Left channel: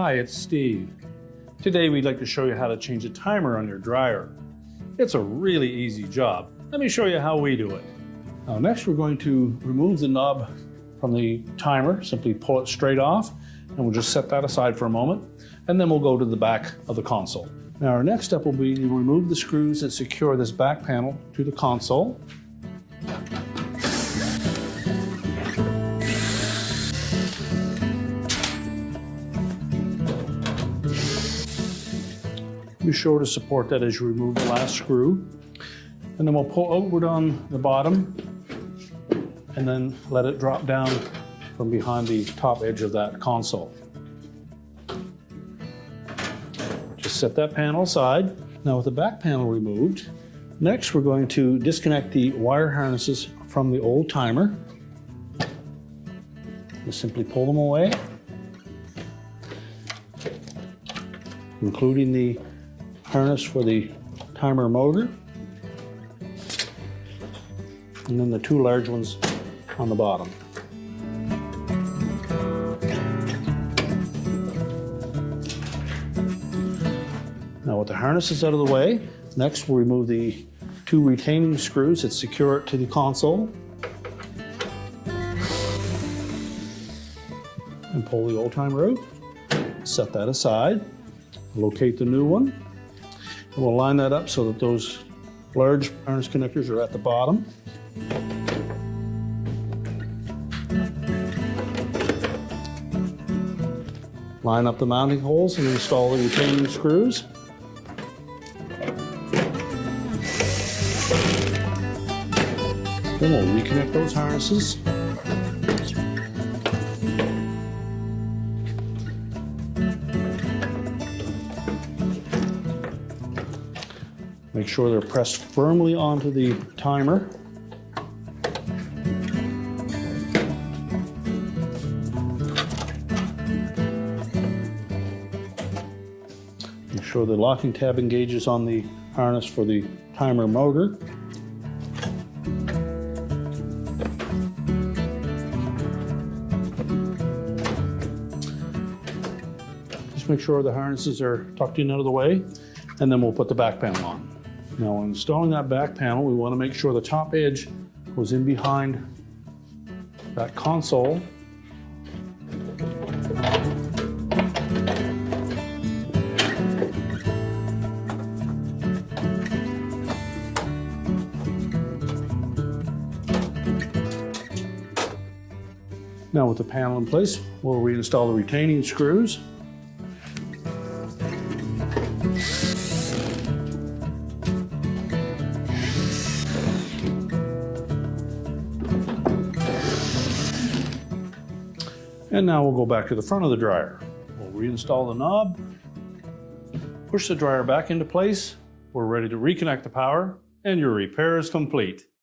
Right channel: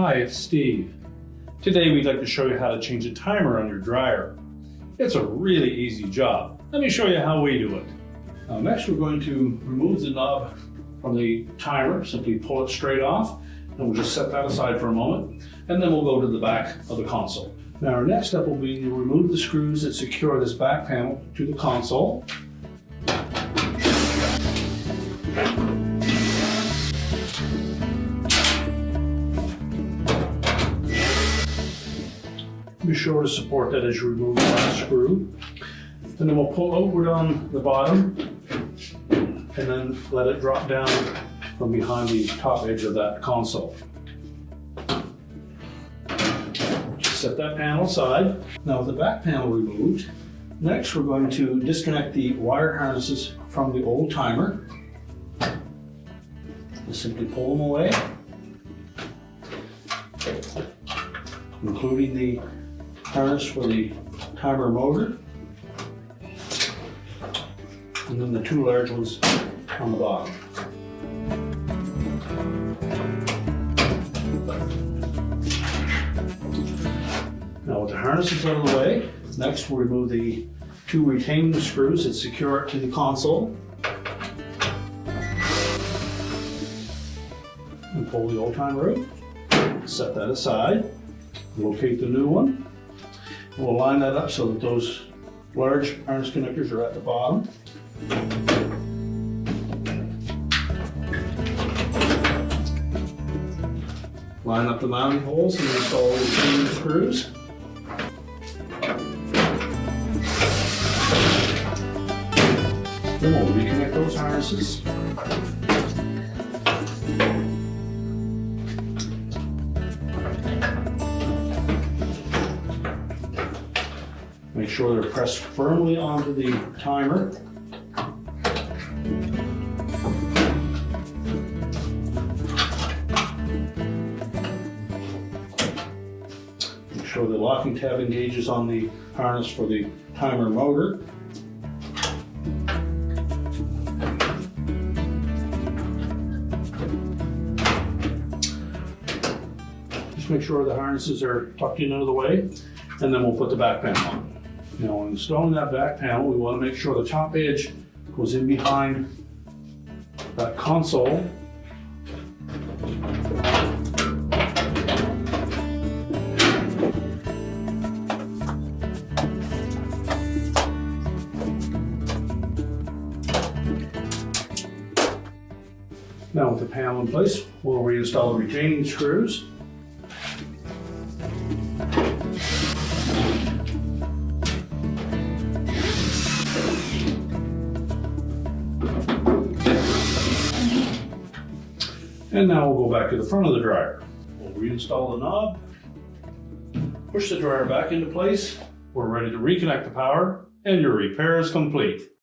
Hi, it's Steve. Today we'd like to show you how to change a timer on your dryer. It's a really easy job. Let me show you how we do it. Next we're going to remove the knob from the timer. Simply pull it straight off and we'll just set that aside for a moment, and then we'll go to the back of the console. Now our next step will be to remove the screws that secure this back panel to the console. Be sure to support that as you remove the last screw. And then we'll pull outward on the bottom and then let it drop down from behind the top edge of that console. Just set that panel aside. Now with the back panel removed, next we're going to disconnect the wire harnesses from the old timer. Just simply pull them away, including the harness for the timer motor, and then the two large ones on the bottom. Now with the harnesses out of the way, next we'll remove the two retaining screws that secure it to the console and pull the old timer out. Set that aside, locate the new one. We'll line that up so that those large harness connectors are at the bottom. Line up the mounting holes and install the retaining screws. Then we'll reconnect those harnesses. Make sure they're pressed firmly onto the timer. Make sure the locking tab engages on the harness for the timer motor. Just make sure the harnesses are tucked in out of the way, and then we'll put the back panel on. Now when installing that back panel, we want to make sure the top edge goes in behind that console. Now with the panel in place, we'll reinstall the retaining screws. And now we'll go back to the front of the dryer. We'll reinstall the knob, push the dryer back into place. We're ready to reconnect the power, and your repair is complete.